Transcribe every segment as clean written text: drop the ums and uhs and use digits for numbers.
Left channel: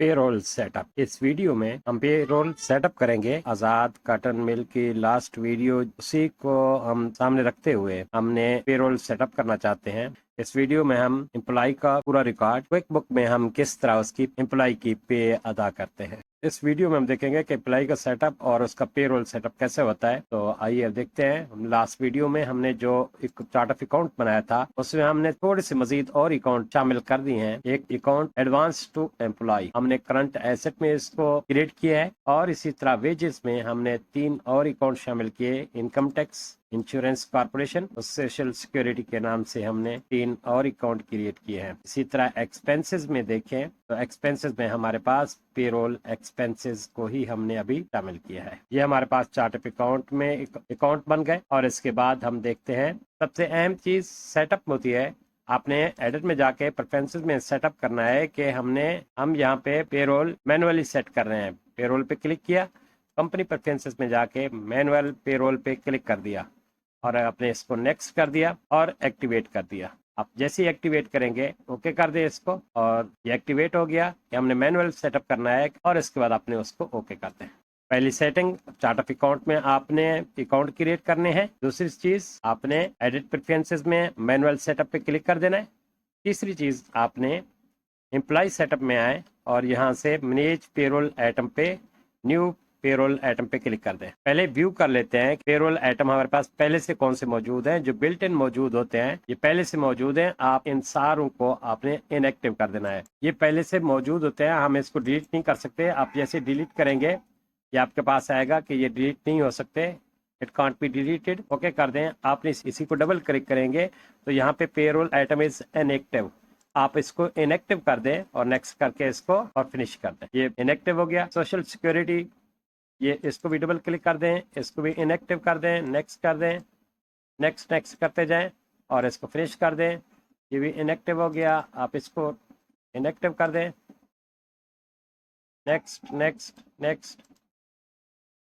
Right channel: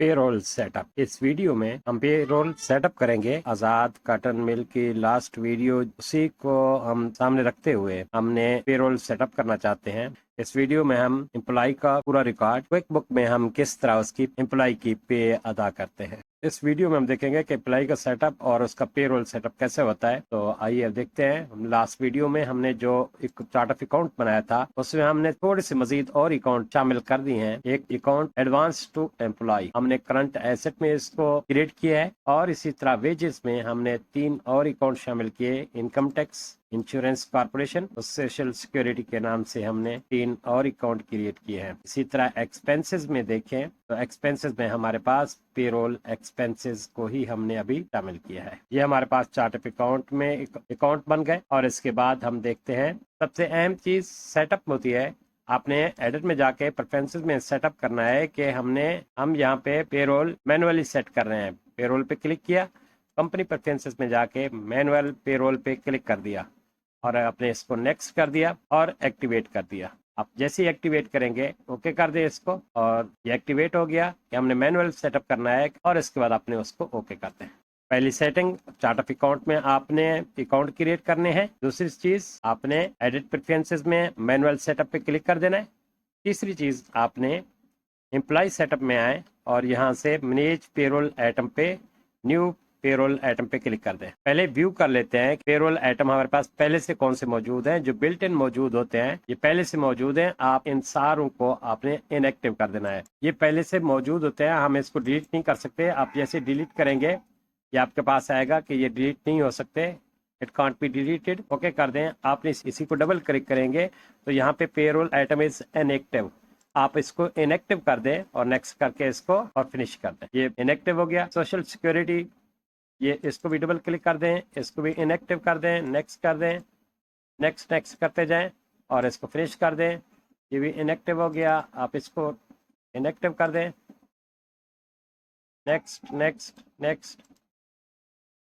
Payroll setup. इस video में हम पेरोल सेटअप करेंगे। आजाद कॉटन मिल की लास्ट वीडियो, उसी को हम सामने रखते हुए हमने पेरोल सेटअप करना चाहते हैं। इस वीडियो में हम एम्प्लॉय का पूरा रिकॉर्ड, क्विक बुक में हम किस तरह उसकी एम्प्लॉय की पे अदा करते हैं। इस वीडियो में हम देखेंगे कि एम्प्लॉय का सेटअप और उसका पेरोल सेटअप कैसे होता है। तो आइए अब देखते हैं। लास्ट वीडियो में हमने जो एक चार्ट ऑफ अकाउंट बनाया था, उसमें हमने थोड़ी सी मजीद और अकाउंट शामिल कर दिए हैं। एक अकाउंट एडवांस टू एम्प्लॉय हमने करंट एसेट में इसको क्रिएट किया है, और इसी तरह वेजेस में हमने 3 और अकाउंट शामिल किए। इनकम टैक्स, इंश्योरेंस कॉर्पोरेशन और सोशल सिक्योरिटी के नाम से हमने 3 और अकाउंट क्रिएट किए हैं। इसी तरह एक्सपेंसेस में देखें तो एक्सपेंसेस में हमारे पास पेरोल एक्सपेंसेस को ही हमने अभी शामिल किया है। ये हमारे पास चार्ट ऑफ अकाउंट में एक अकाउंट बन गए। और इसके बाद हम देखते हैं, सबसे अहम चीज सेटअप होती है। आपने एडिट में जाके प्रेफरेंसेस में सेटअप करना है कि हम यहाँ पे पेरोल मैनुअली सेट कर रहे हैं। पेरोल पे क्लिक किया, कंपनी प्रेफरेंसेस में जाके मैनुअल पेरोल पे क्लिक कर दिया और आपने इसको नेक्स्ट कर दिया और एक्टिवेट कर दिया। आप जैसे ही एक्टिवेट करेंगे, ओके कर दे इसको, और ये एक्टिवेट हो गया कि हमने मैनुअल सेटअप करना है। और इसके बाद आपने उसको ओके कर दें। पहली सेटिंग, चार्ट ऑफ अकाउंट में आपने अकाउंट क्रिएट करने हैं। दूसरी चीज, आपने एडिट प्रेफरेंसेस में मैनुअल सेटअप पे क्लिक कर देना है। तीसरी चीज, आपने एम्प्लॉय सेटअप में आए और यहाँ से मैनेज पेरोल आइटम पे न्यू पेरोल आइटम पे क्लिक कर दें। पहले व्यू कर लेते हैं पेरोल आइटम हमारे पास पहले से कौन से मौजूद हैं। जो बिल्ट इन मौजूद होते हैं, ये पहले से मौजूद हैं। आप इन सारों को आपने इनएक्टिव कर देना है। ये पहले से मौजूद होते हैं, हम इसको डिलीट नहीं कर सकते। आप जैसे डिलीट करेंगे, ये आपके पास आएगा कि ये डिलीट नहीं हो सकते, it can't be deleted. Okay कर दें। आपने इसी को डबल क्लिक करेंगे तो यहाँ पे पेरोल आइटम इज इनएक्टिव, आप इसको इनएक्टिव कर दें और नेक्स्ट करके इसको और फिनिश कर दें। ये इनएक्टिव हो गया। सोशल सिक्योरिटी, ये इसको भी डबल क्लिक कर दें, इसको भी इनएक्टिव कर दें, नेक्स्ट कर दें, नेक्स्ट नेक्स्ट करते जाएं और इसको फिनिश कर दें। ये भी इनएक्टिव हो गया, आप इसको इनएक्टिव कर दें, नेक्स्ट नेक्स्ट नेक्स्ट।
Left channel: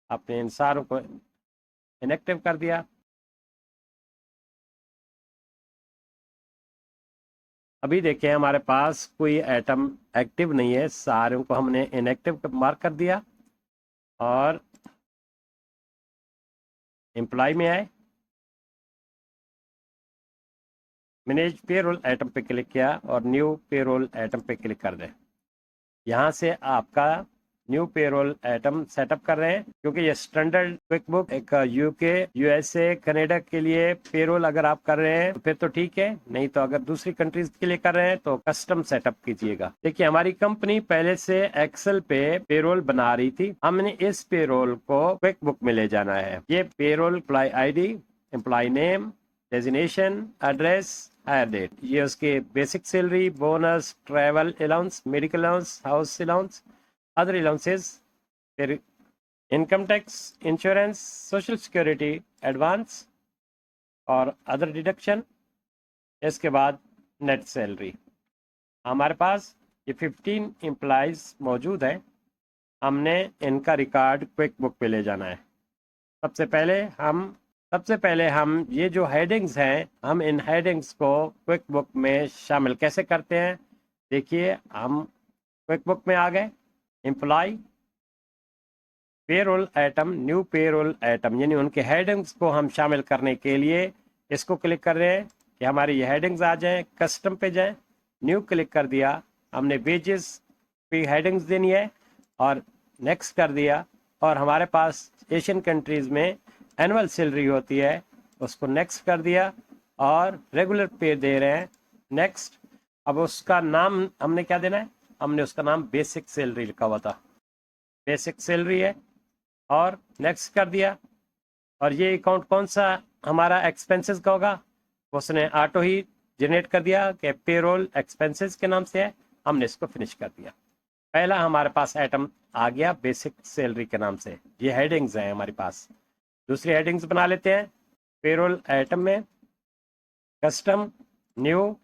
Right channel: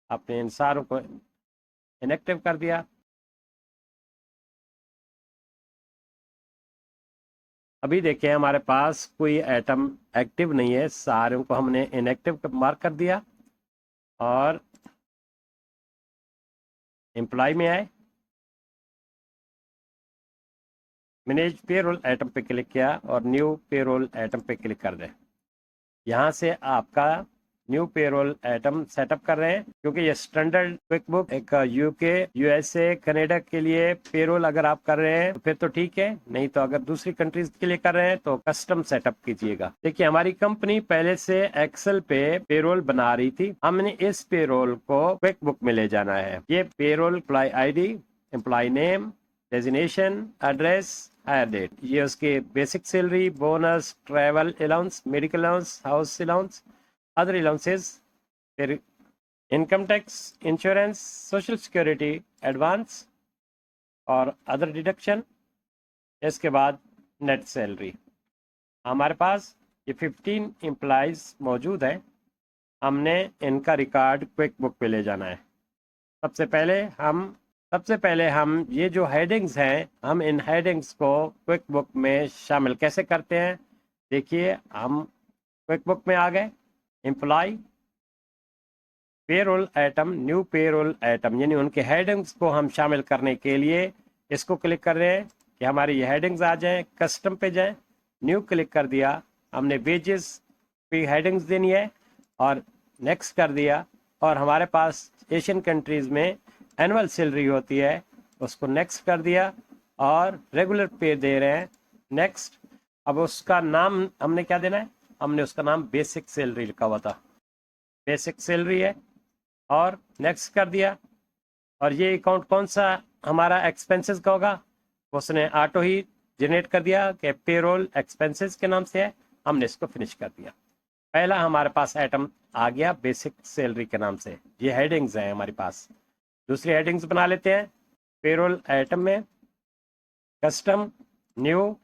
आपने इन सारों को इनएक्टिव कर दिया। अभी देखिए हमारे पास कोई आइटम एक्टिव नहीं है, सारों को हमने इनएक्टिव मार्क कर दिया। और एम्प्लॉय में आए, मैनेज पेरोल आइटम पे क्लिक किया और न्यू पेरोल आइटम पे क्लिक कर दें। यहाँ से आपका न्यू पेरोल आइटम सेटअप कर रहे हैं, क्योंकि ये स्टैंडर्ड क्विक बुक एक यूके, यूएसए, कनाडा के लिए पेरोल अगर आप कर रहे हैं तो फिर तो ठीक है, नहीं तो अगर दूसरी कंट्रीज के लिए कर रहे हैं तो कस्टम सेटअप कीजिएगा। देखिए हमारी कंपनी पहले से एक्सेल पे पेरोल बना रही थी, हमने इस पेरोल को क्विक बुक में ले जाना है। ये payroll employee ID, employee name, designation, address, hire date, ये उसके basic salary, bonus, travel allowance, medical allowance, house allowance, other allowances, फिर income tax, insurance, social security, advance और अदर डिडक्शन। इसके बाद नेट सैलरी। हमारे पास ये 15 एम्प्लॉयज मौजूद है, हमने इनका रिकॉर्ड क्विक बुक पे ले जाना है। सबसे पहले हम ये जो हेडिंग्स हैं, हम इन हेडिंग्स को क्विक बुक में शामिल कैसे करते हैं। देखिए हम क्विक बुक में आ गए। Employ, payroll item, new payroll item, यानी उनके हेडिंग्स को हम शामिल करने के लिए इसको क्लिक कर रहे हैं कि हमारी ये हेडिंग्स आ जाएं। कस्टम पे जाएं, न्यू क्लिक कर दिया, हमने वेजेस पे हेडिंग्स देनी है और नेक्स्ट कर दिया। और हमारे पास एशियन कंट्रीज में एनुअल सैलरी होती है, उसको नेक्स्ट कर दिया और रेगुलर पे दे रहे हैं, नेक्स्ट। अब उसका नाम हमने क्या देना है, हमने उसका नाम बेसिक सैलरी लिखा हुआ था, बेसिक सैलरी है, और नेक्स्ट कर दिया। और ये अकाउंट कौन सा हमारा एक्सपेंसेस का होगा, उसने ऑटो ही जनरेट कर दिया कि पेरोल एक्सपेंसेस के नाम से है, हमने इसको फिनिश कर दिया। पहला हमारे पास आइटम आ गया बेसिक सैलरी के नाम से। ये हेडिंग्स हैं हमारे पास। दूसरी हेडिंग्स बना लेते हैं। पेरोल आइटम में कस्टम, न्यू,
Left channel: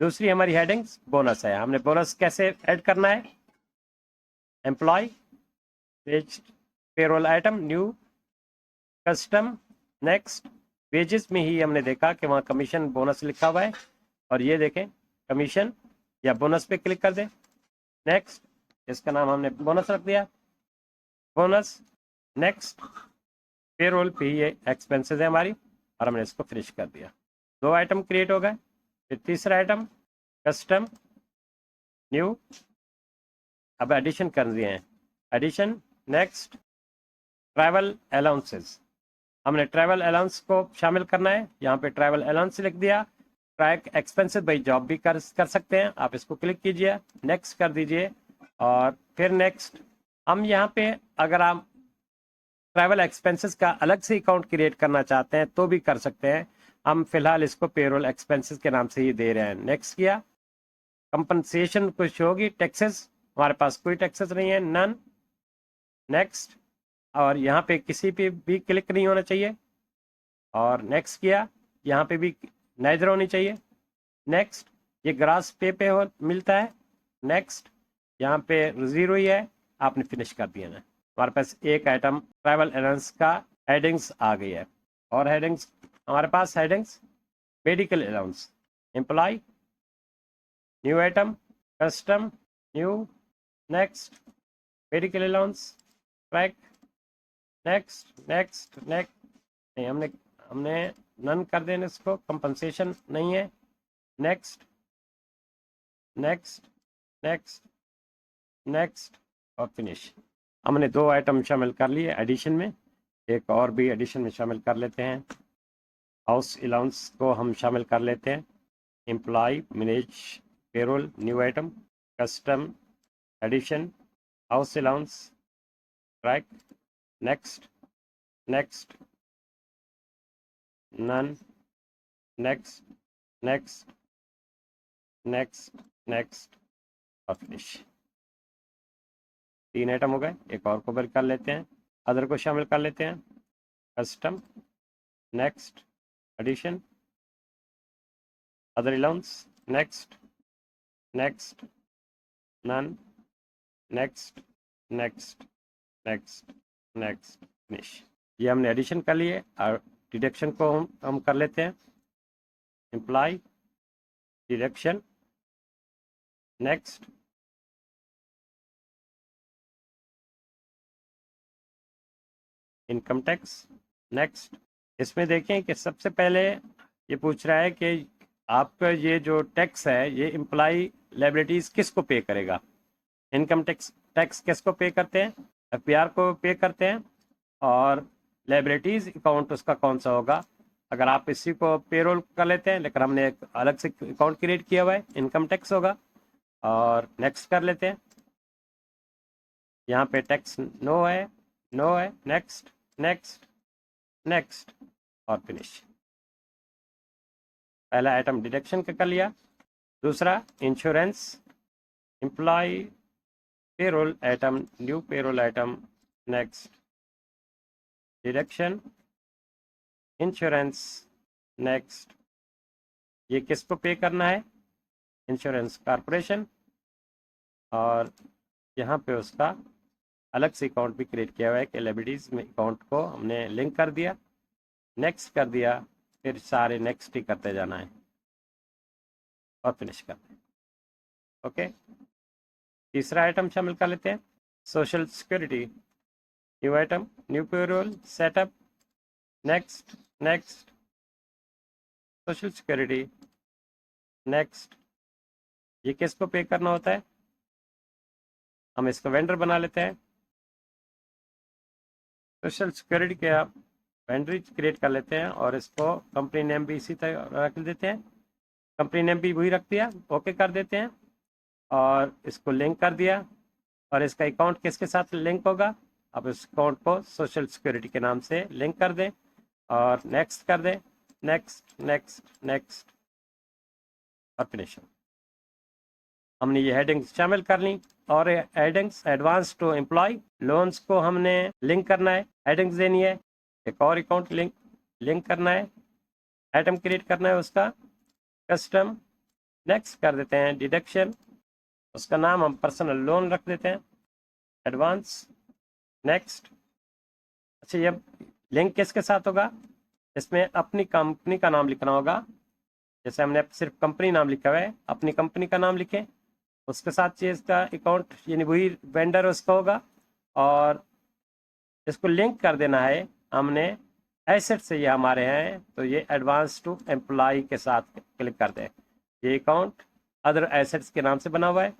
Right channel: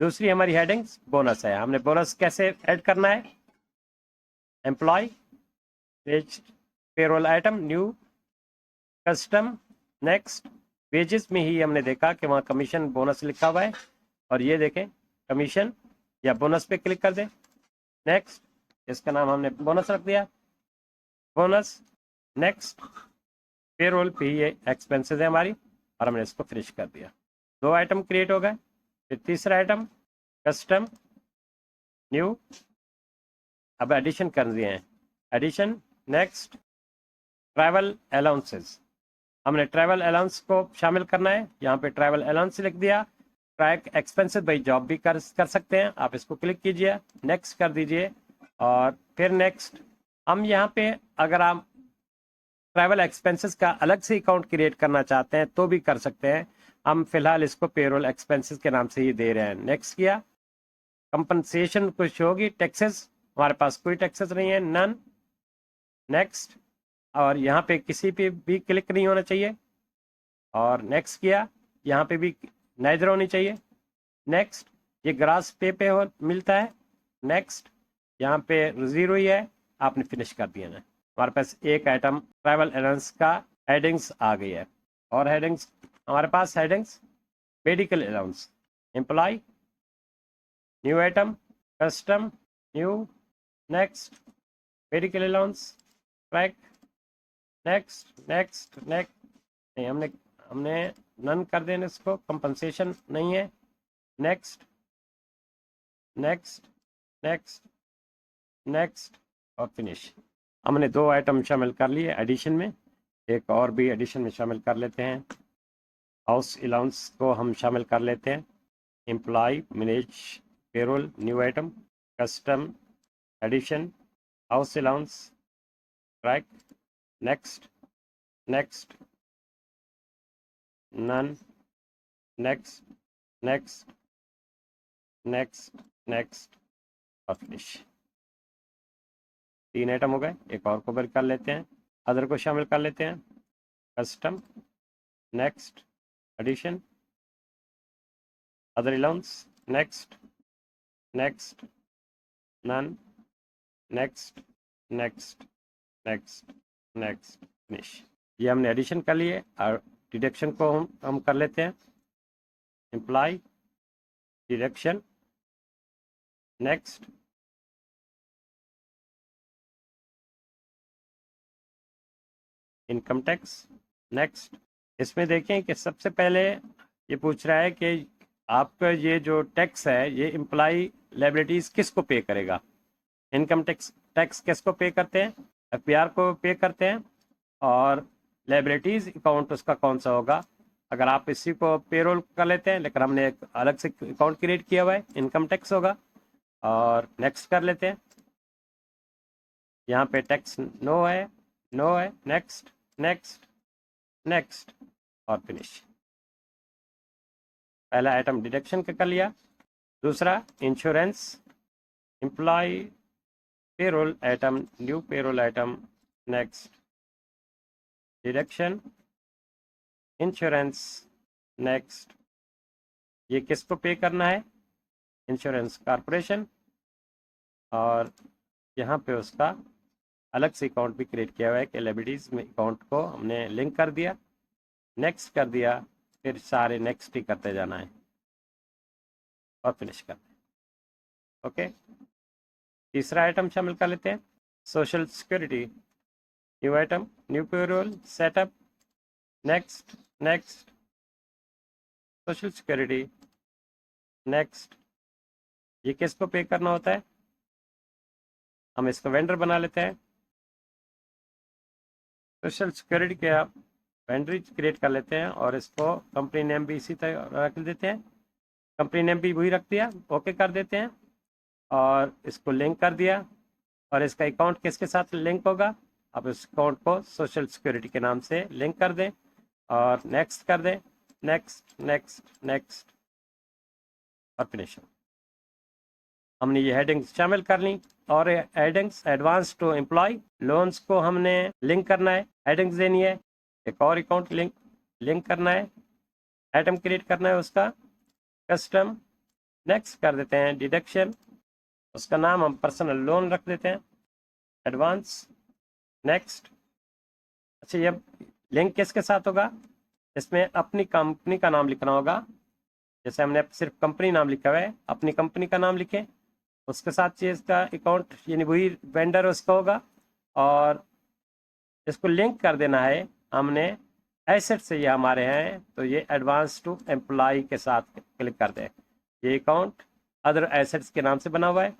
दूसरी हमारी हेडिंग्स बोनस है। हमने बोनस कैसे ऐड करना है, employ, payroll item, new, custom, next. Wages में ही हमने देखा कि वहाँ कमीशन बोनस लिखा हुआ है, और ये देखें कमीशन या बोनस पे क्लिक कर दें, नेक्स्ट। इसका नाम हमने बोनस रख दिया, बोनस। नेक्स्ट, पेरोल पे ये एक्सपेंसेस है हमारी, और हमने इसको फिनिश कर दिया। 2 आइटम क्रिएट हो गए। फिर तीसरा आइटम कस्टम न्यू, अब एडिशन कर दिए हैं, एडिशन। नेक्स्ट, ट्रैवल अलाउंसेस, हमने ट्रैवल अलाउंस को शामिल करना है। यहाँ पे ट्रैवल अलाउंस लिख दिया। ट्रैक एक्सपेंसेस बाई जॉब भी कर सकते हैं आप, इसको क्लिक कीजिए, नेक्स्ट कर दीजिए, और फिर नेक्स्ट। हम यहाँ पे अगर आप ट्रैवल एक्सपेंसेस का अलग से अकाउंट क्रिएट करना चाहते हैं तो भी कर सकते हैं। हम फिलहाल इसको पेरोल एक्सपेंसेस के नाम से ही दे रहे हैं। नेक्स्ट किया। कंपनसेशन कुछ होगी, टैक्सेस, हमारे पास कोई टैक्सेस नहीं है, नन। नेक्स्ट, और यहाँ पे किसी पे भी क्लिक नहीं होना चाहिए, और नेक्स्ट किया। यहाँ पे भी नाइजर होनी चाहिए। नेक्स्ट, ये ग्रास पे हो मिलता है। नेक्स्ट, यहाँ पे 0 ही है, आपने फिनिश कर दिया ना। हमारे पास एक आइटम ट्रैवल अलाउंस का हेडिंग्स आ गई है। और हेडिंग्स हमारे पास headings, medical allowance, employ, new item, custom new, next, medical allowance, track, next next next, नहीं हमने हमने नन कर देना इसको, कंपनसेशन नहीं है। नेक्स्ट नेक्स्ट नेक्स्ट नेक्स्ट और फिनिश। हमने 2 आइटम शामिल कर लिए एडिशन में, एक और भी एडिशन में शामिल कर लेते हैं। हाउस अलाउंस को हम शामिल कर लेते हैं, employ, manage, payroll, new item, custom, addition, house allowance, track, next next, none, next next next next और फिनिश। 3 आइटम हो गए। एक और कवर कर लेते हैं, अदर को शामिल कर लेते हैं, custom, next, addition, other allowance, next next, none, next next next next, finish. ये हमने एडिशन कर लिए, और डिडक्शन को हम कर लेते हैं, employ, deduction, next, income tax, next. इसमें देखें कि सबसे पहले ये पूछ रहा है कि आपका ये जो टैक्स है ये एम्प्लॉय लायबिलिटीज किसको पे करेगा। इनकम टैक्स किसको पे करते हैं, एफपीआर को पे करते हैं, और लायबिलिटीज अकाउंट उसका कौन सा होगा। अगर आप इसी को पेरोल कर लेते हैं, लेकिन हमने एक अलग से अकाउंट क्रिएट किया हुआ है, इनकम टैक्स होगा, और नेक्स्ट कर लेते हैं। यहाँ पे टैक्स नो है, नो है, नेक्स्ट नेक्स्ट नेक्स्ट और फिनिश। पहला आइटम डिडक्शन का कर लिया। दूसरा insurance, employ, payroll item, new payroll item, next, deduction, insurance, next. ये किसको पे करना है, इंश्योरेंस कॉर्पोरेशन, और यहाँ पे उसका अलग से अकाउंट भी क्रिएट किया हुआ है कि लायबिलिटीज में अकाउंट को हमने लिंक कर दिया, नेक्स्ट कर दिया, फिर सारे नेक्स्ट ही करते जाना है और फिनिश करना है। ओके, तीसरा आइटम शामिल कर लेते हैं, social security, new item, new payroll, setup, next next, social security, next. ये किसको पे करना होता है, हम इसको वेंडर बना लेते हैं। सोशल सिक्योरिटी के आप वेंडर क्रिएट कर लेते हैं, और इसको कंपनी नेम भी इसी तरह रख देते हैं, कंपनी नेम भी वही रख दिया, ओके कर देते हैं, और इसको लिंक कर दिया। और इसका अकाउंट किसके साथ लिंक होगा, अब इस अकाउंट को सोशल सिक्योरिटी के नाम से लिंक कर दें, और नेक्स्ट कर दें, नेक्स्ट नेक्स्ट नेक्स्ट और फिनिश। हमने ये हेडिंग्स शामिल कर ली, और headings advance to employ, loans को हमने लिंक करना है, हेडिंग्स देनी है, एक और अकाउंट लिंक करना है, आइटम क्रिएट करना है उसका, कस्टम, नेक्स्ट कर देते हैं, डिडक्शन, उसका नाम हम पर्सनल लोन रख देते हैं, एडवांस, नेक्स्ट। अच्छा, ये लिंक किसके साथ होगा, इसमें अपनी कंपनी का नाम लिखना होगा। जैसे हमने सिर्फ कंपनी नाम लिखा हुआ है, अपनी कंपनी का नाम लिखें, उसके साथ ये इसका अकाउंट यानी वही वेंडर उसका होगा, और इसको लिंक कर देना है हमने एसेट से, ये हमारे हैं तो ये एडवांस टू एम्प्लॉय के साथ क्लिक कर दें। ये अकाउंट अदर एसेट्स के नाम से बना हुआ है,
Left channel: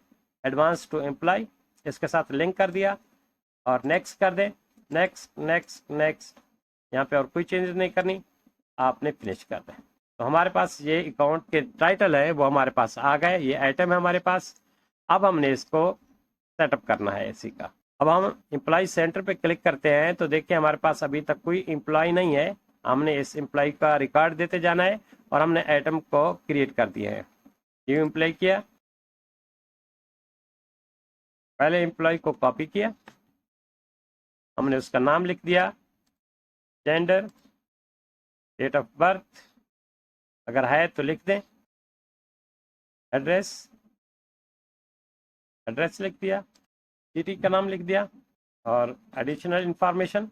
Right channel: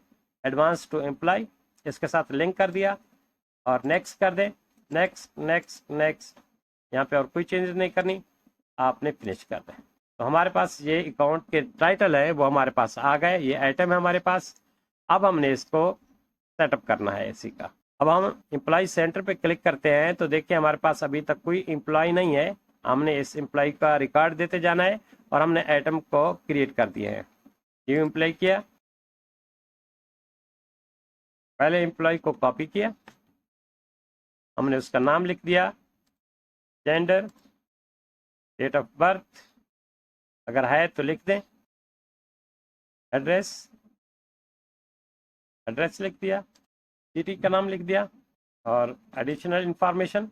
एडवांस टू एम्प्लॉय, इसके साथ लिंक कर दिया और नेक्स्ट कर दें। नेक्स्ट नेक्स्ट नेक्स्ट, यहाँ पे और कोई चेंजेस नहीं करनी, आपने फिनिश कर दें। तो हमारे पास ये अकाउंट के टाइटल है वो हमारे पास आ गए, ये आइटम है हमारे पास। अब हमने इसको सेटअप करना है इसी का। अब हम एम्प्लॉय सेंटर पे क्लिक करते हैं तो देखिए हमारे पास अभी तक कोई एम्प्लॉय नहीं है। हमने इस एम्प्लॉय का रिकॉर्ड देते जाना है और हमने आइटम को क्रिएट कर दिए हैं। न्यू एम्प्लॉय किया, पहले एम्प्लॉय को कॉपी किया, हमने उसका नाम लिख दिया, जेंडर, डेट ऑफ बर्थ अगर है तो लिख दें, एड्रेस, एड्रेस लिख दिया, सिटी का नाम लिख दिया, और एडिशनल इंफॉर्मेशन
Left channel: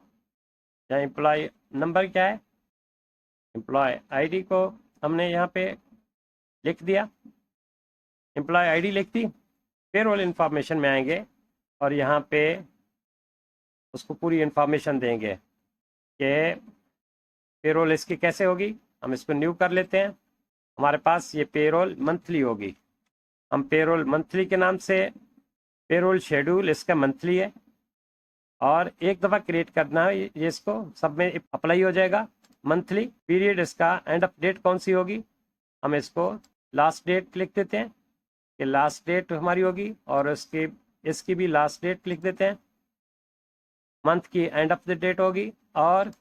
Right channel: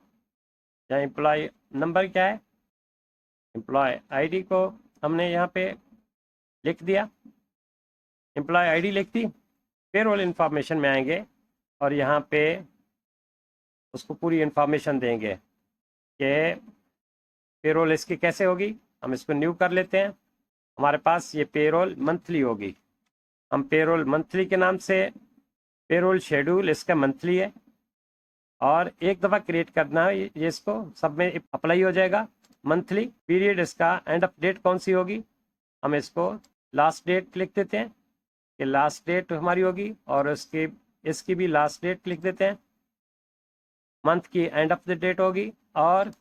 या एम्प्लॉय नंबर क्या है, एम्प्लॉय आईडी को हमने यहाँ पे लिख दिया, एम्प्लॉय आईडी लिख दी। पेरोल इंफॉर्मेशन में आएंगे और यहाँ पे उसको पूरी इंफॉर्मेशन देंगे कि पेरोल इसकी कैसे होगी। हम इसको न्यू कर लेते हैं, हमारे पास ये पेरोल मंथली होगी। हम पेरोल मंथली के नाम से, पेरोल शेड्यूल इसका मंथली है और एक दफ़ा क्रिएट करना है, ये इसको सब में अप्लाई हो जाएगा। मंथली पीरियड इसका एंड ऑफ डेट कौन सी होगी, हम इसको लास्ट डेट लिख देते हैं कि लास्ट डेट हमारी होगी, और इसकी भी लास्ट डेट लिख देते हैं। मंथ की एंड ऑफ द डेट होगी, और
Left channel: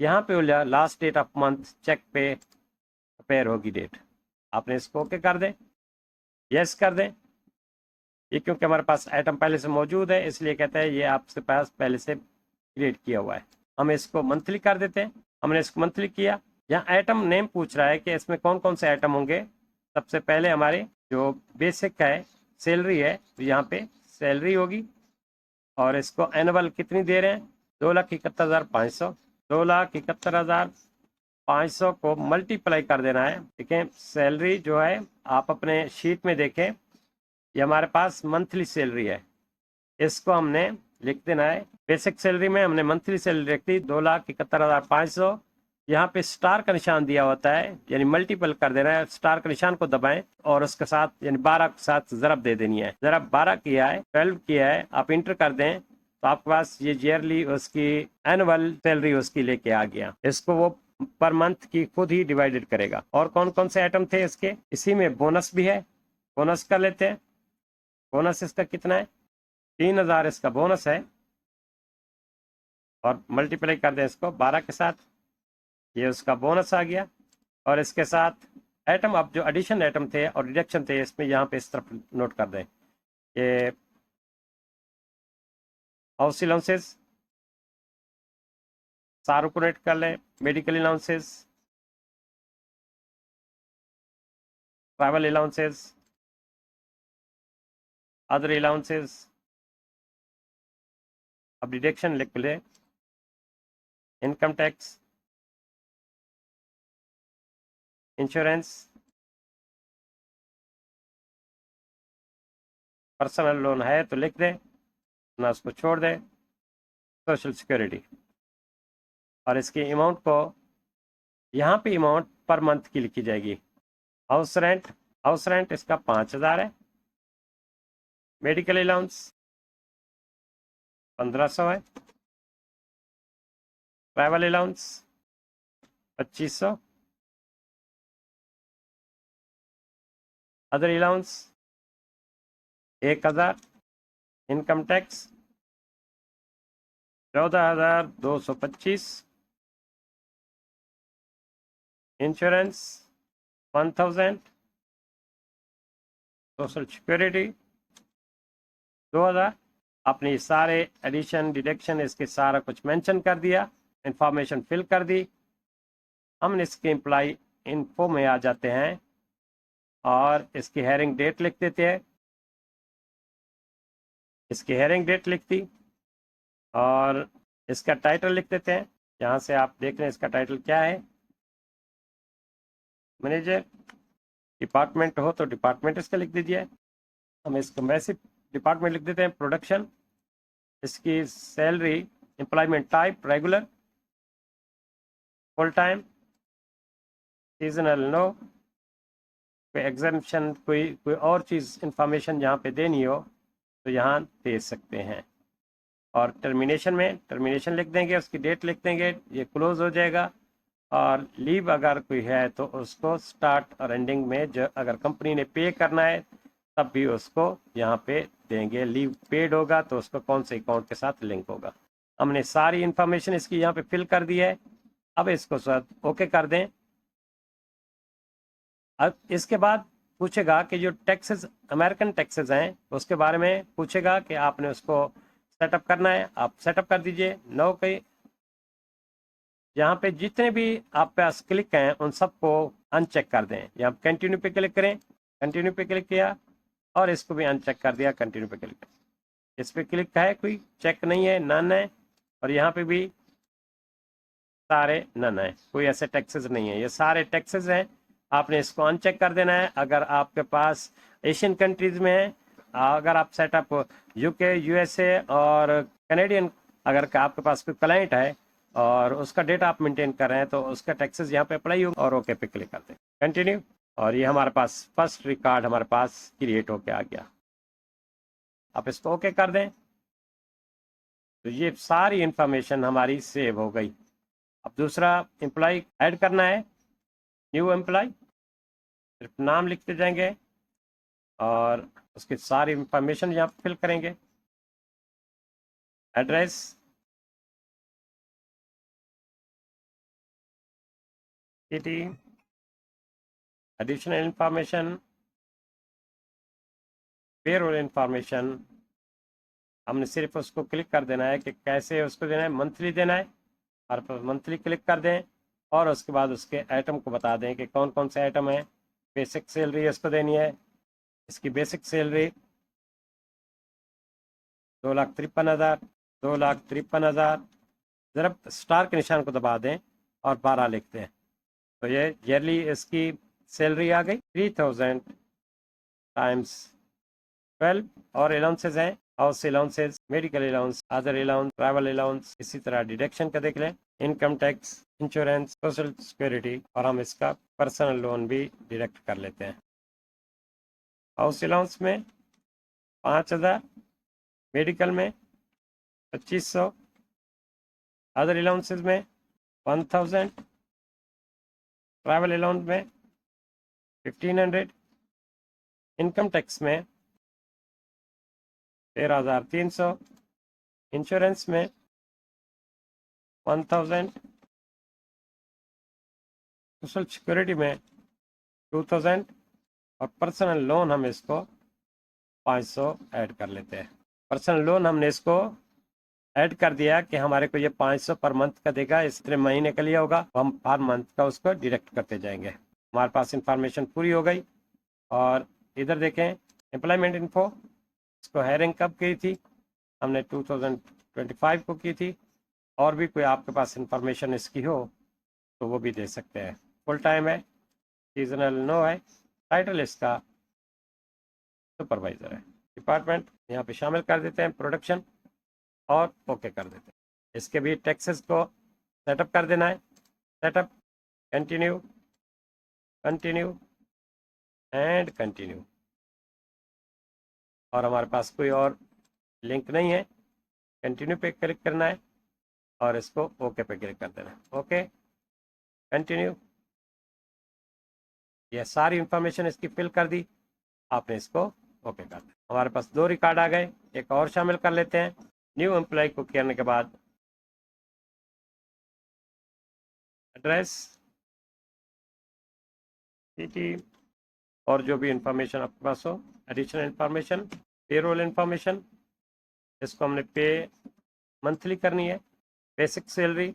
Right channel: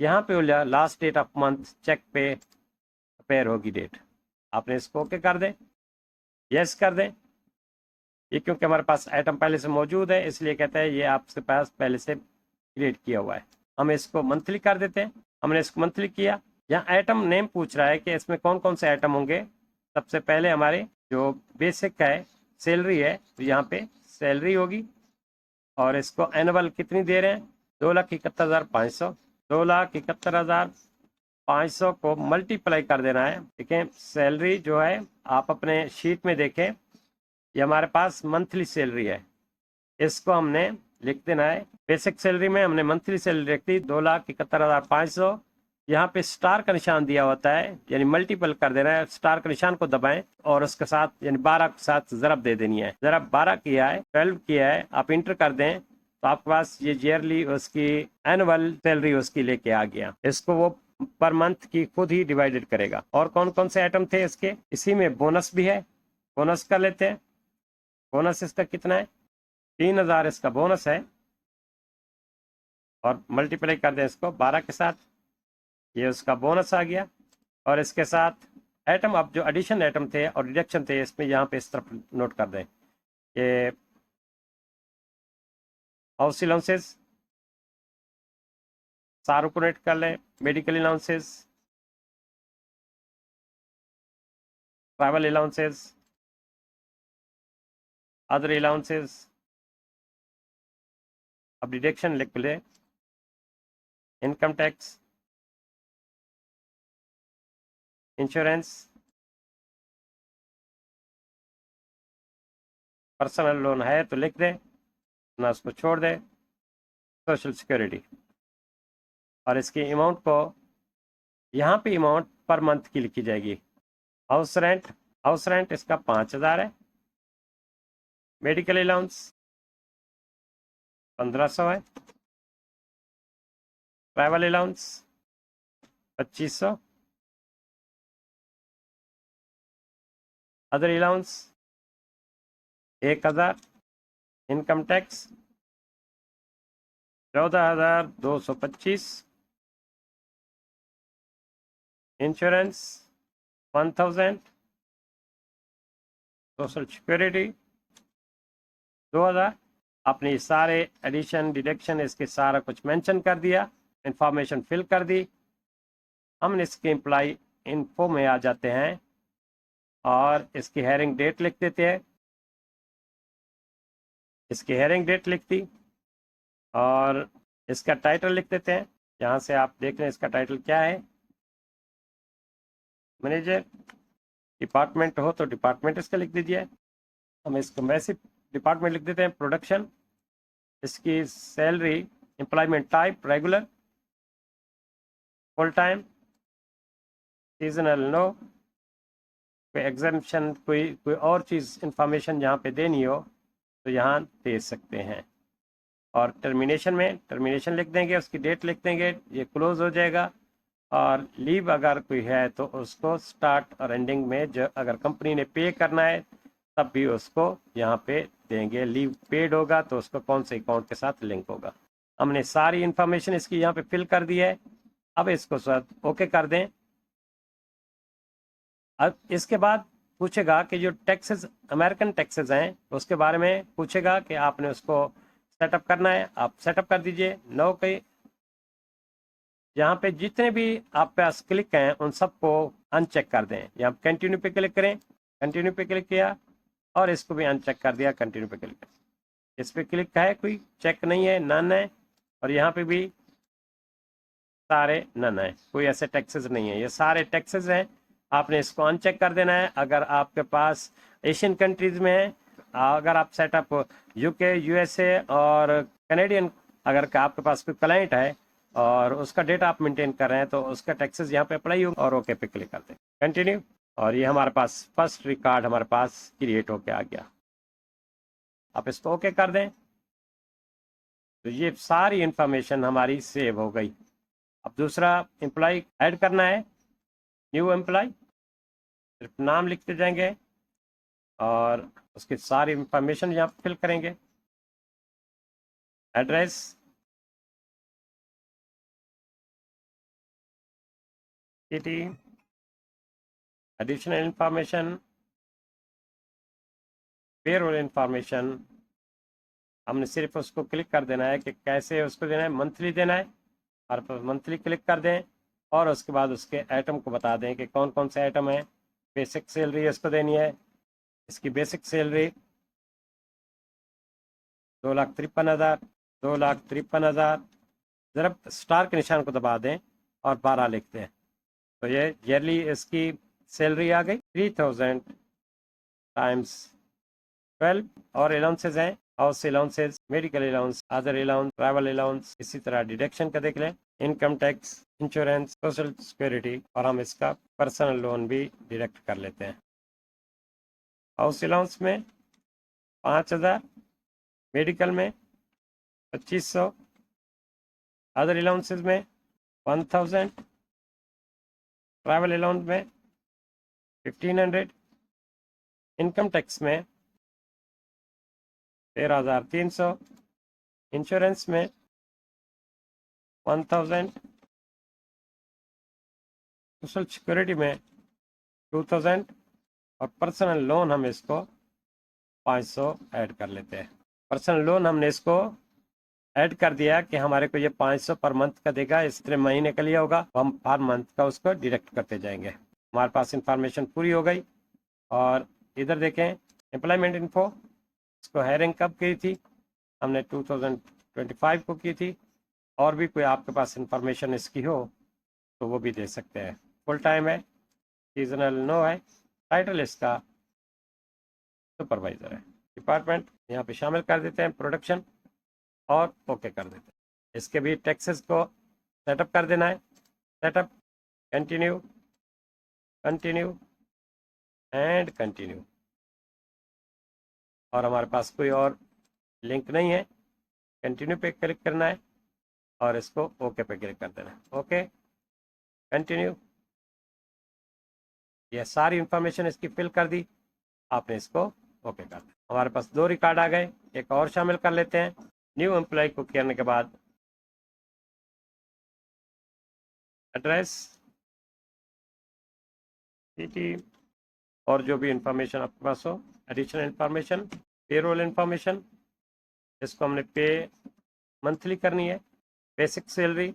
यहाँ पे last date of month check पे अपेयर होगी डेट। आपने इसको ओके कर दें, यस कर दें। ये क्योंकि हमारे पास आइटम पहले से मौजूद है इसलिए कहता है ये आपके पास पहले से क्रिएट किया हुआ है। हम इसको मंथली कर देते हैं, हमने इसको मंथली किया। यहाँ आइटम नेम पूछ रहा है कि इसमें कौन कौन से आइटम होंगे। सबसे पहले हमारे जो बेसिक का है सैलरी है, तो यहाँ पे सैलरी होगी, और इसको एनुअल कितनी दे रहे हैं, 2,71,500। 2,71,500 को मल्टीप्लाई कर देना है। ठीक है, सैलरी जो है आप अपने शीट में देखें, ये हमारे पास मंथली सैलरी है, इसको हमने लिख देना है। बेसिक सैलरी में हमने मंथली सैलरी लिख दी 2,71,500। यहाँ पे स्टार का निशान दिया होता है, यानी मल्टीपल कर देना है। स्टार का निशान को दबाएं और उसके साथ यानी 12 के साथ ज़रब दे देनी है। ज़रब 12 किया है, 12 किया है, आप इंटर कर दें तो आपके पास ये ईयरली उसकी एनुअल सैलरी उसकी लेके आ गया। इसको वो पर मंथ की खुद ही डिवाइडेड करेगा। और कौन कौन से आइटम थे इसके, इसी में बोनस भी है, बोनस कर लेते हैं। बोनस इसका कितना है, 3,000 इसका बोनस है, और मल्टीप्लाई कर दें इसको 12 के साथ, ये उसका बोनस आ गया। और इसके साथ आइटम, अब जो एडिशन आइटम थे और डिडक्शन थे इसमें यहाँ पे इस तरफ नोट कर दें कि हाउस अलाउंसेस सारों को रेट कर लें, medical allowances, travel allowances, other allowances. अब डिडक्शन लिख लें, income tax, insurance, personal loan है तो लिख दें, ना उसको छोड़ दें, सोशल सिक्योरिटी। और इसकी अमाउंट को यहाँ पे अमाउंट पर मंथ की लिखी जाएगी। हाउस रेंट इसका 5,000 है। मेडिकल अलाउंस 1,500 है। Travel allowance 2,500। Other allowance 1,000। Income tax 14,225। Insurance 1,000। Social security 2,000। आपने सारे एडिशन डिडक्शन इसके सारा कुछ मेंशन कर दिया, इंफॉर्मेशन फिल कर दी। हम इसके एम्प्लॉय इन्फो में आ जाते हैं और इसकी हेयरिंग डेट लिख देते हैं। इसकी हेयरिंग डेट लिख दी और इसका टाइटल लिख देते हैं। यहाँ से आप देख लें इसका टाइटल क्या है, मैनेजर। डिपार्टमेंट हो तो डिपार्टमेंट इसका लिख दीजिए। हम इसको मैसिव डिपार्टमेंट लिख देते हैं, प्रोडक्शन। इसकी salary, employment type regular, full time, seasonal no, कोई एग्जामिशन, कोई और चीज़ इंफॉर्मेशन यहाँ पे देनी हो तो यहाँ दे सकते हैं। और टर्मिनेशन में टर्मिनेशन लिख देंगे, उसकी डेट लिख देंगे, ये क्लोज हो जाएगा। और लीव अगर कोई है तो उसको स्टार्ट और एंडिंग में जो अगर कंपनी ने पे करना है तब भी उसको यहाँ पे देंगे। लीव पेड होगा तो उसको कौन से अकाउंट के साथ लिंक होगा। हमने सारी इंफॉर्मेशन इसकी यहाँ पे फिल कर दी है। अब इसको साथ ओके कर दें। अब इसके बाद पूछेगा कि जो टैक्सेस, अमेरिकन टैक्सेस हैं उसके बारे में पूछेगा कि आपने उसको सेटअप करना है, आप सेटअप कर दीजिए। नो के यहाँ पे जितने भी आप पास क्लिक हैं उन सबको अनचेक कर दें। यहाँ कंटिन्यू पे क्लिक करें, कंटिन्यू पे क्लिक किया और इसको भी अनचेक कर दिया, कंटिन्यू पे क्लिक करें। इस पे क्लिक है, कोई चेक नहीं है, नन है। और यहाँ पे भी सारे नन है, कोई ऐसे टैक्सेस नहीं है, ये सारे टैक्सेस हैं। आपने इसको अनचेक कर देना है। अगर आपके पास एशियन कंट्रीज में है, अगर आप सेटअप यूके, यूएसए और कैनेडियन, अगर आपके पास कोई क्लाइंट है और उसका डेटा आप मेंटेन कर रहे हैं तो उसका टैक्सेस यहाँ पे अप्लाई होगा। और ओके पे क्लिक करते हैं, कंटिन्यू। और ये हमारे पास फर्स्ट रिकॉर्ड हमारे पास क्रिएट होके आ गया। आप इसको ओके कर दें तो ये सारी इंफॉर्मेशन हमारी सेव हो गई। अब दूसरा एम्प्लॉय ऐड करना है, न्यू एम्प्लॉय। सिर्फ नाम लिखते जाएंगे और उसकी सारी इंफॉर्मेशन यहाँ फिल करेंगे। Address, city, additional information, payroll information. हमने सिर्फ उसको क्लिक कर देना है कि कैसे उसको देना है, मंथली देना है और मंथली क्लिक कर दें। और उसके बाद उसके आइटम को बता दें कि कौन कौन से आइटम है। बेसिक सैलरी इसको देनी है, इसकी बेसिक सैलरी 2,53,000, 2,53,000। जरा स्टार के निशान को दबा दें और 12 लिखते हैं तो ये ईयरली इसकी सैलरी आ गई 3,000 टाइम्स 12। और अलाउंसेज हैं, house allowances, medical allowance, other allowance, travel allowance. इसी तरह डिडक्शन का देख लें, income tax, insurance, social security. और हम इसका पर्सनल लोन भी डिडक्ट कर लेते हैं। हाउस अलाउंस में 5,000, मेडिकल में 2,500, अदर अलाउंसेज में 1,000, ट्रैवल अलाउंस में 1,500, इनकम टैक्स में 13,300, इंश्योरेंस में 1,000, सोशल सिक्योरिटी में 2,000 और पर्सनल लोन हम इसको 500 ऐड कर लेते हैं। पर्सनल लोन हमने इसको ऐड कर दिया कि हमारे को ये 500 पर मंथ का देगा, इतने महीने का लिया होगा, हम हर मंथ का उसको डिडक्ट करते जाएंगे। हमारे पास इंफॉर्मेशन पूरी हो गई। और इधर देखें एम्प्लॉयमेंट इन्फो, इसको हायरिंग कब की थी, हमने 2025 को की थी। और भी कोई आपके पास इंफॉर्मेशन इसकी हो तो वो भी दे सकते हैं। फुल टाइम है, सीजनल नो है, टाइटल इसका सुपरवाइजर है। डिपार्टमेंट यहाँ पे शामिल कर देते हैं, प्रोडक्शन, और ओके कर देते हैं। इसके भी टैक्सेस को सेटअप कर देना है, setup, continue, continue and continue. और हमारे पास कोई और लिंक नहीं है, कंटिन्यू पे क्लिक करना है और इसको ओके पे क्लिक कर देना है। Okay, continue. ये सारी इंफॉर्मेशन इसकी फिल कर दी, आपने इसको ओके कर दिया। हमारे पास 2 रिकॉर्ड आ गए, एक और शामिल कर लेते हैं। न्यू एम्प्लॉय को करने के बाद एड्रेस, सिटी और जो भी इंफॉर्मेशन आपके पास हो, एडिशनल इंफॉर्मेशन, पेरोल इंफॉर्मेशन। इसको हमने पे मंथली करनी है। बेसिक सैलरी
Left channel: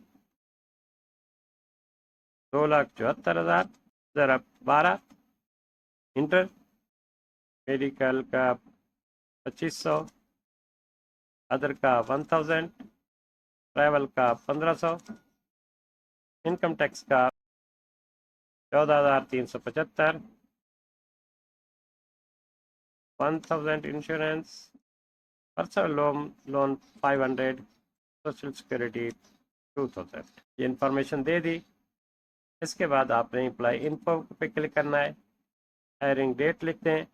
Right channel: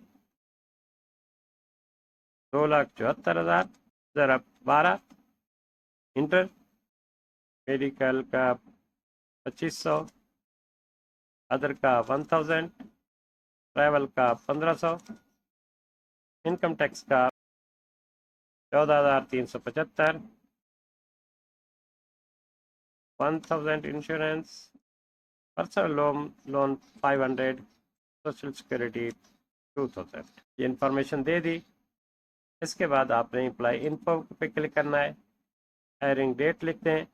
2,74,000 जरा 12, इंटर, मेडिकल का 2,500, अदर का 1,000, ट्रैवल का 1,500, इनकम टैक्स का 14,375, 1000 insurance, personal loan 500, social security 2000। ये इन्फॉर्मेशन दे दी। इसके बाद आपने एम्प्लॉय इन्फो पे क्लिक करना है। हायरिंग डेट लिखते हैं,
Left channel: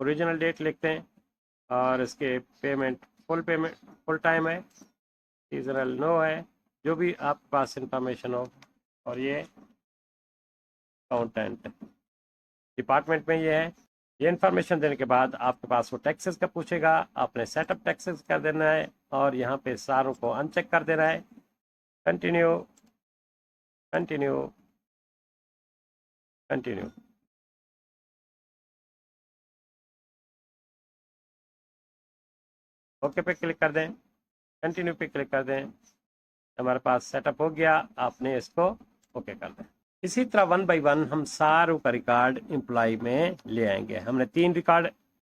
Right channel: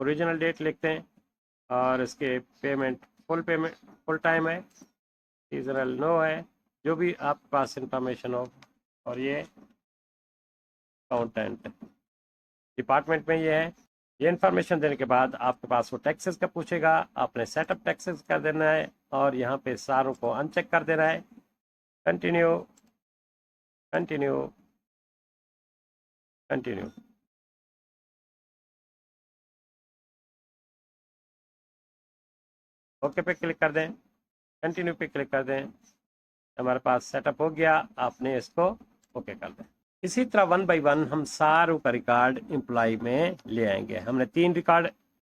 ओरिजिनल डेट लिखते हैं और इसके पेमेंट फुल टाइम है, सीजनल नो है, जो भी आपके पास इंफॉर्मेशन हो। और ये अकाउंटेंट डिपार्टमेंट में ये है। ये इन्फॉर्मेशन देने के बाद आपके पास वो टैक्सेस का पूछेगा, आपने सेटअप टैक्सेस कर देना है और यहाँ पे सारों को अनचेक कर देना है। Continue continue continue. ओके पे क्लिक कर दें, कंटिन्यू पे क्लिक कर दें। हमारे पास सेटअप हो गया, आपने इसको ओके कर दें। इसी तरह 1 बाय 1 हम सारों का रिकॉर्ड एम्प्लॉय में ले आएंगे। हमने 3 रिकॉर्ड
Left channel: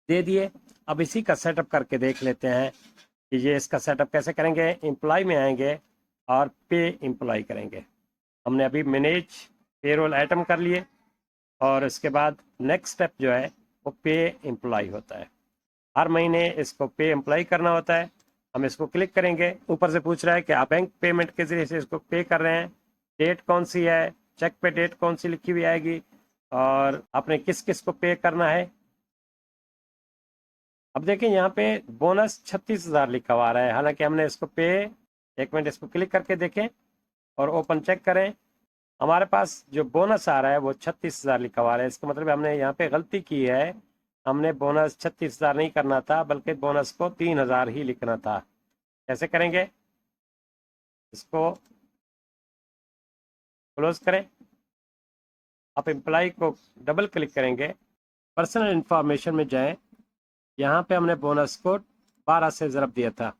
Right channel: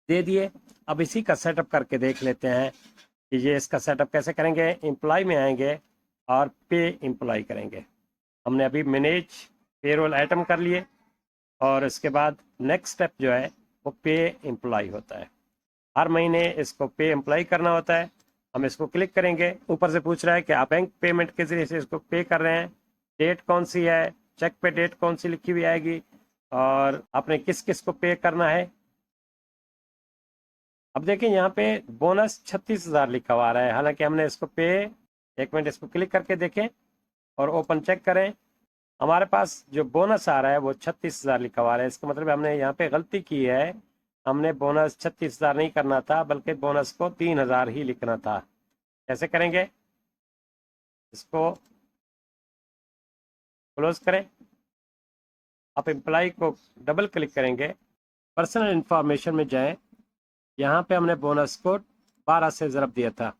दे दिए। अब इसी का सेटअप करके देख लेते हैं कि ये इसका सेटअप कैसे करेंगे। एम्प्लॉय में आएंगे और पे एम्प्लॉय करेंगे। हमने अभी मैनेज पेरोल आइटम कर लिए और इसके बाद नेक्स्ट स्टेप जो है वो पे एम्प्लॉय होता है। हर महीने इसको पे एम्प्लॉय करना होता है। हम इसको क्लिक करेंगे, ऊपर से पूछ रहा है कि आप बैंक पेमेंट के जरिए से इसको पे कर रहे हैं, डेट कौन सी है, चेक पे डेट कौन सी लिखी हुई आएगी और आपने किस किस को पे करना है। अब देखिए यहाँ पे बोनस 36,000 लिखा हुआ रहा है, हालांकि हमने इसको पे, एक मिनट इसको क्लिक करके देखें और ओपन चेक करें। हमारे पास जो बोनस आ रहा है वो 36,000 लिखा हुआ है। इसका मतलब हमने यहाँ पे गलती की है। हमने बोनस 36,000 नहीं करना था, बल्कि बोनस को 3,000 ही लिखना था। कैसे करेंगे, इसको क्लोज करें। आप एम्प्लॉय को डबल क्लिक करेंगे, पर्सनल इंफॉर्मेशन में जाएं। यहाँ पे हमने बोनस को 12 से ज़रब दिया था,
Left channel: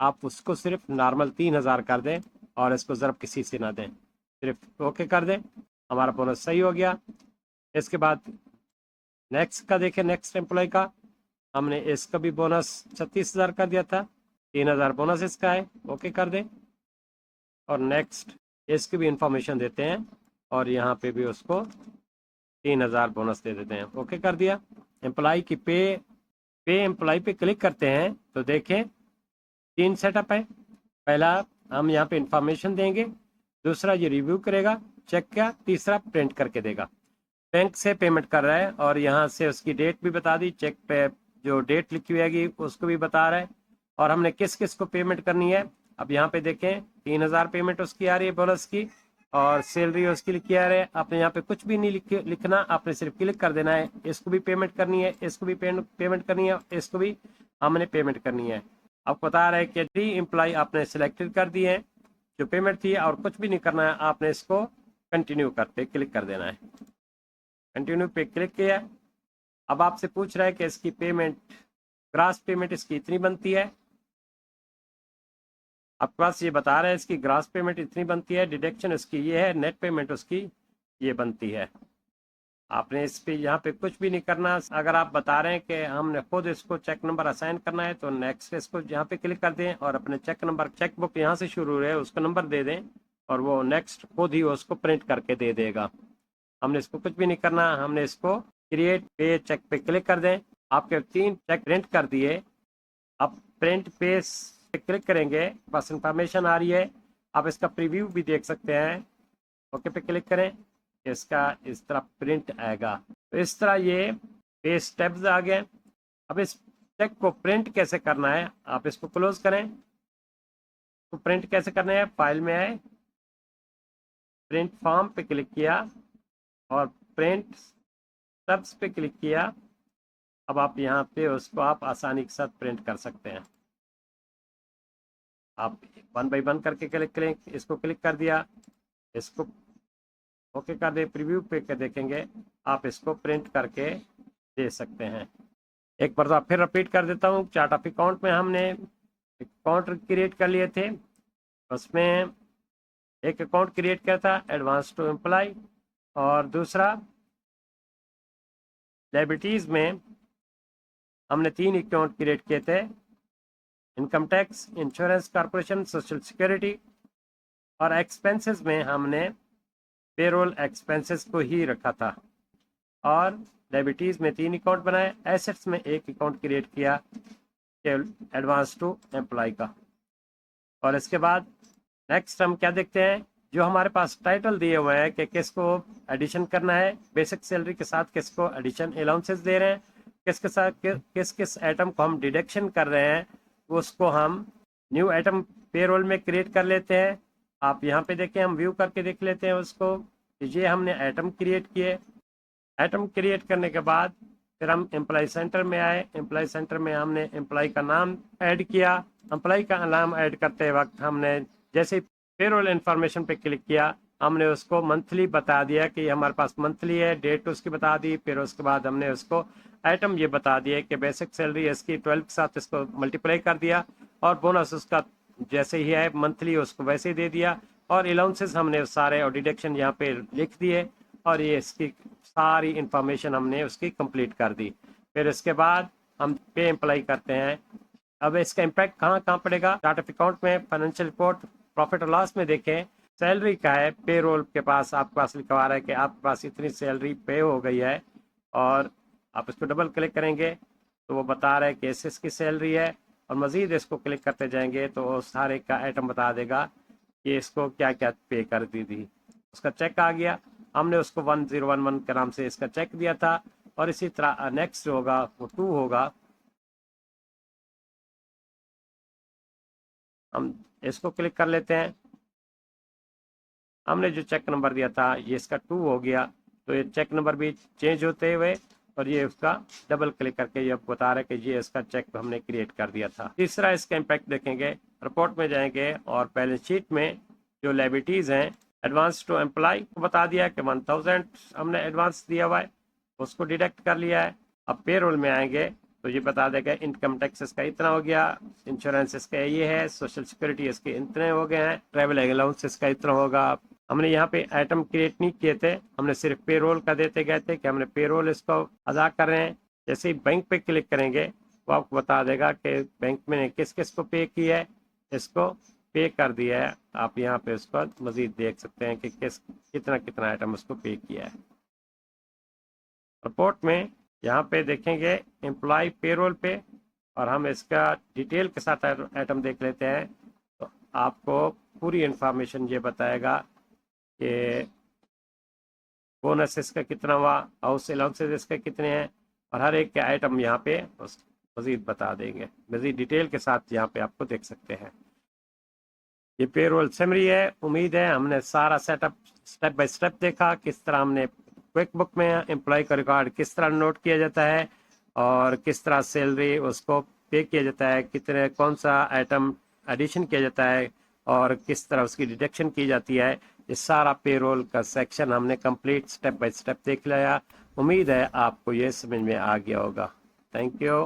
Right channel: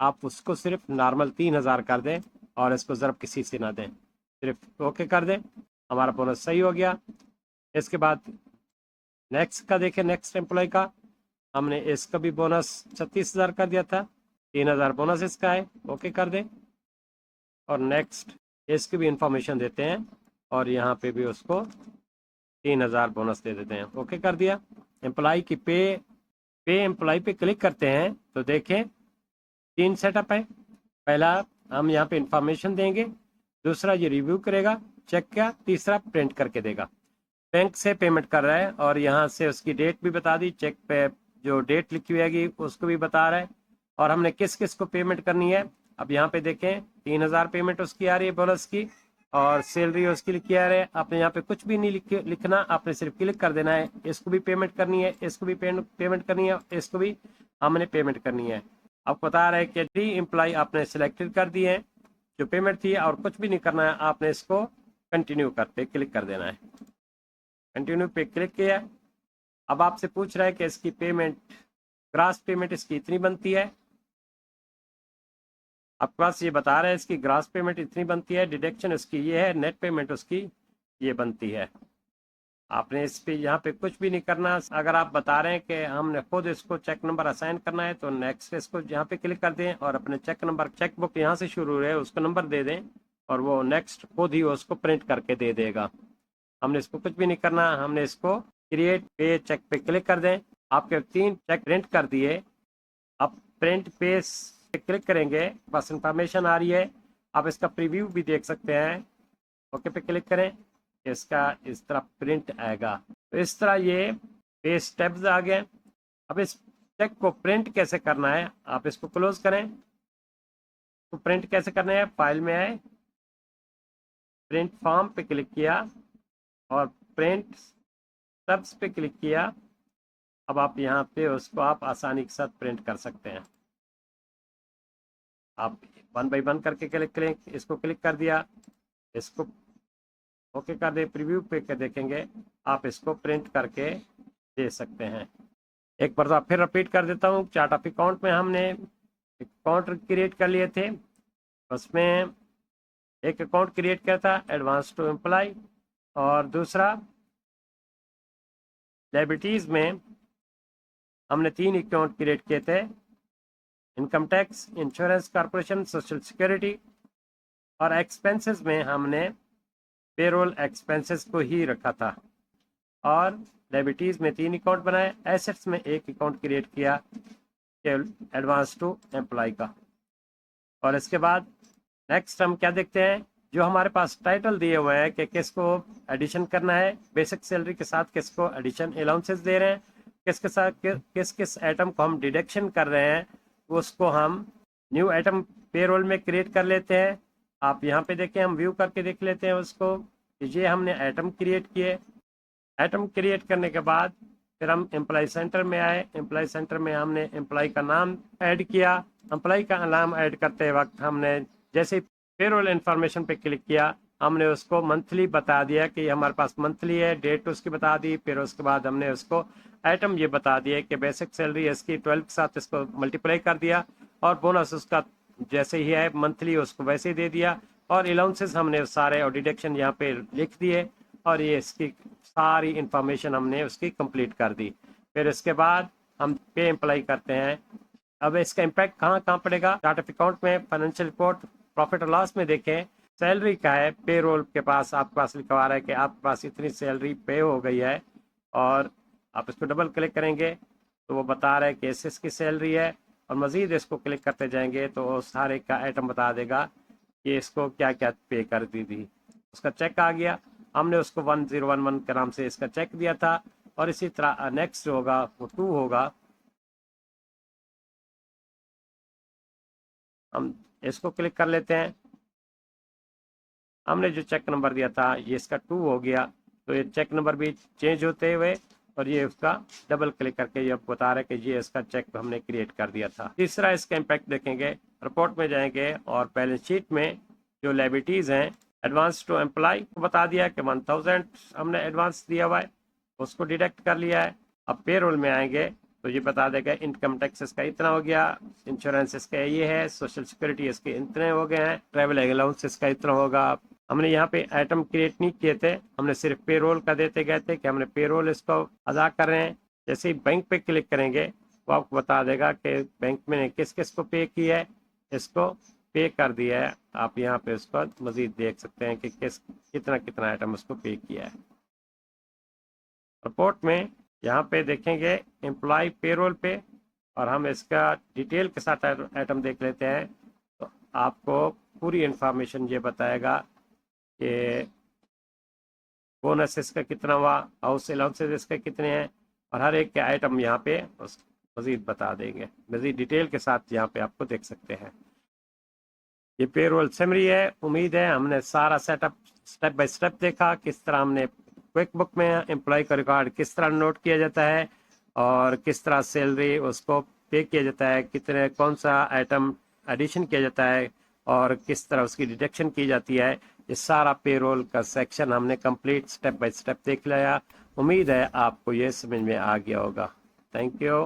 आप उसको सिर्फ नॉर्मल 3,000 कर दें और इसको ज़रब किसी से ना दें, सिर्फ ओके कर दें। हमारा बोनस सही हो गया। इसके बाद नेक्स्ट का देखें, नेक्स्ट एम्प्लॉय का हमने इसका भी बोनस 36,000 कर दिया था, 3,000 बोनस इसका है, ओके कर दें। और नेक्स्ट इसकी भी इंफॉर्मेशन देते हैं और यहाँ पे भी उसको 3,000 बोनस दे देते हैं, ओके कर दिया। एम्प्लॉय की पे एम्प्लॉय पे क्लिक करते हैं तो देखें 3 सेटअप है। पहला हम यहाँ पे इंफॉर्मेशन देंगे, दूसरा ये रिव्यू करेगा चेक का, तीसरा प्रिंट करके देगा। बैंक से पेमेंट कर रहा है और यहाँ से उसकी डेट भी बता दी, चेक पे जो डेट लिखी हुई है उसको भी बता रहा है और हमने किस किस को पेमेंट करनी है। अब यहाँ पे देखें 3,000 पेमेंट उसकी आ रही है बोनस की और सैलरी उसकी लिखी आ रही है। आपने यहाँ पे कुछ भी नहीं लिखना, आपने सिर्फ क्लिक कर देना है। इसको भी पेमेंट करनी है, इसको भी पेमेंट करनी है, इसको भी हमने पेमेंट करनी है। अब बता रहे हैं कि 3 एम्प्लॉय आपने सिलेक्टेड कर दिए हैं जो पेमेंट थी और कुछ भी नहीं करना है, आपने इसको कंटिन्यू करते क्लिक कर देना है। कंटिन्यू पे क्लिक किया। अब आपसे पूछ रहा है कि इसकी पेमेंट, ग्रास पेमेंट इसकी इतनी बनती है। आपके पास ये बता रहा है इसकी ग्रास पेमेंट इतनी बनती है, डिडक्शन उसकी ये है, नेट पेमेंट उसकी ये बनती है। आपने इस पे यहाँ पे कुछ भी नहीं करना। अगर आप बता रहे हैं कि हमने खुद इसको चेक नंबर असाइन करना है तो नेक्स्ट इसको यहाँ पे क्लिक कर दें और अपने चेक नंबर, चेक बुक यहाँ से शुरू है उसको नंबर दे दें और वो नेक्स्ट खुद ही उसको प्रिंट करके दे देगा। हमने इसको कुछ भी नहीं करना, हमने इसको क्रिएट पे चेक पे क्लिक कर दें। आपके 3 चेक प्रिंट कर दिए। अब प्रिंट पेज पे क्लिक करेंगे, बस इंफॉर्मेशन आ रही है, आप इसका प्रीव्यू भी देख सकते हैं। ओके पे क्लिक करें, इसका इस तरह प्रिंट आएगा। तो इस तरह ये पे स्टेप्स आ गए। अब इस चेक को प्रिंट कैसे करना है, आप इसको क्लोज करें। तो प्रिंट कैसे करना है, फाइल में आए, प्रिंट फॉर्म पे क्लिक किया और प्रिंट स्टब्स पे क्लिक किया। अब आप यहाँ पे उसको आप आसानी के साथ प्रिंट कर सकते हैं। आप 1 बाय 1 करके क्लिक करें, इसको क्लिक कर दिया, इसको ओके कर दे, प्रीव्यू पे कर देखेंगे, आप इसको प्रिंट करके दे सकते हैं। एक बार फिर रिपीट कर देता हूँ। चार्ट ऑफ अकाउंट में हमने अकाउंट क्रिएट कर लिए थे, उसमें एक अकाउंट क्रिएट किया था एडवांस टू एम्प्लॉय और दूसरा लायबिलिटीज में हमने 3 अकाउंट क्रिएट किए थे, income tax, insurance corporation, social security. और एक्सपेंसेस में हमने पेरोल एक्सपेंसेस को ही रखा था और लायबिलिटीज में 3 अकाउंट बनाए, एसेट्स में 1 अकाउंट क्रिएट किया एडवांस टू एम्प्लॉय का। और इसके बाद नेक्स्ट हम क्या देखते हैं, जो हमारे पास टाइटल दिए हुए हैं कि किसको एडिशन करना है, बेसिक सैलरी के साथ किसको एडिशन अलाउंसेस दे रहे हैं, किसके साथ किस किस आइटम को हम डिडक्शन कर रहे हैं, उसको हम न्यू आइटम पेरोल में क्रिएट कर लेते हैं। आप यहाँ पे देखें, हम व्यू करके देख लेते हैं उसको। ये हमने आइटम क्रिएट किए। आइटम क्रिएट करने के बाद फिर हम एम्प्लॉय सेंटर में आए। एम्प्लॉय सेंटर में हमने एम्प्लॉय का नाम ऐड किया। एम्प्लॉय का नाम ऐड करते वक्त हमने जैसे पेरोल इन्फॉर्मेशन पे क्लिक किया, हमने उसको मंथली बता दिया कि हमारे पास मंथली है, डेट उसकी बता दी। फिर उसके बाद हमने उसको आइटम ये बता दिया कि बेसिक सैलरी इसकी 12 के साथ इसको मल्टीप्लाई कर दिया और बोनस उसका जैसे ही है मंथली उसको वैसे ही दे दिया। और अलाउंसेस हमने सारे और डिडक्शन यहाँ पे लिख दिए और ये इसकी सारी इंफॉर्मेशन हमने उसकी कंप्लीट कर दी। फिर इसके बाद हम पे एम्प्लाई करते हैं। अब इसका इम्पैक्ट कहाँ कहाँ पड़ेगा, चार्ट ऑफ अकाउंट में, फाइनेंशियल रिपोर्ट, प्रॉफिट और लॉस में देखें। सैलरी का है, पेरोल के पास आपके पास लिखा हुआ है कि आपके पास इतनी सैलरी पे हो गई है और आप इसको डबल क्लिक करेंगे तो वो बता रहा है कि एसएस की सैलरी है। और मजीद इसको क्लिक करते जाएंगे तो सारे का आइटम बता देगा कि इसको क्या क्या पे कर दी थी। उसका चेक आ गया, हमने उसको 1011 के नाम से इसका चेक दिया था। और इसी तरह नेक्स्ट जो होगा वो 2 होगा। हम इसको क्लिक कर लेते हैं। हमने जो चेक नंबर दिया था ये इसका 2 हो गया, तो ये चेक नंबर भी चेंज होते हुए और ये उसका डबल क्लिक करके ये बता रहे कि ये इसका चेक हमने क्रिएट कर दिया था। तीसरा इसका इम्पैक्ट देखेंगे, रिपोर्ट में जाएंगे और बैलेंस शीट में जो लायबिलिटीज हैं, एडवांस टू एम्प्लॉय को बता दिया कि 1000 हमने एडवांस दिया हुआ है, उसको डिडक्ट कर लिया है। अब पेरोल में आएंगे तो ये बता देगा इनकम टैक्स इसका इतना हो गया, इंश्योरेंस इसका ये है, सोशल सिक्योरिटी इसके इतने हो गए हैं, ट्रैवल अलाउंस इसका इतना होगा। हमने यहाँ पे आइटम क्रिएट नहीं किए थे, हमने सिर्फ पेरोल का देते गए थे कि हमने पेरोल इसको अदा कर रहे हैं। जैसे ही बैंक पे क्लिक करेंगे वो आपको बता देगा कि बैंक में किस किस को पे किया है, इसको पे कर दिया है। आप यहाँ पे इसको मजीद देख सकते हैं कि कितना कितना आइटम उसको पे किया है। रिपोर्ट में यहाँ पे देखेंगे एम्प्लॉय पेरोल पे और हम इसका डिटेल के साथ आइटम देख लेते हैं तो आपको पूरी इंफॉर्मेशन ये बताएगा कि बोनस इसका कितना हुआ, हाउस अलाउंसेस इसके कितने हैं और हर एक के आइटम यहाँ पे मजीद बता देंगे। मजीद डिटेल के साथ यहाँ पे आपको देख सकते हैं। ये पेरोल समरी है। उम्मीद है हमने सारा सेटअप स्टेप बाय स्टेप देखा, किस तरह हमने क्विक बुक में एम्प्लॉय का रिकॉर्ड किस तरह नोट किया जाता है और किस तरह सैलरी उसको पे किया जाता है, कितने कौन सा आइटम एडिशन किया जाता है और किस तरह उसकी डिडक्शन की जाती है। ये सारा पेरोल का सेक्शन हमने कंप्लीट स्टेप बाय स्टेप देख लिया। उम्मीद है आपको ये समझ में आ गया होगा। Thank you.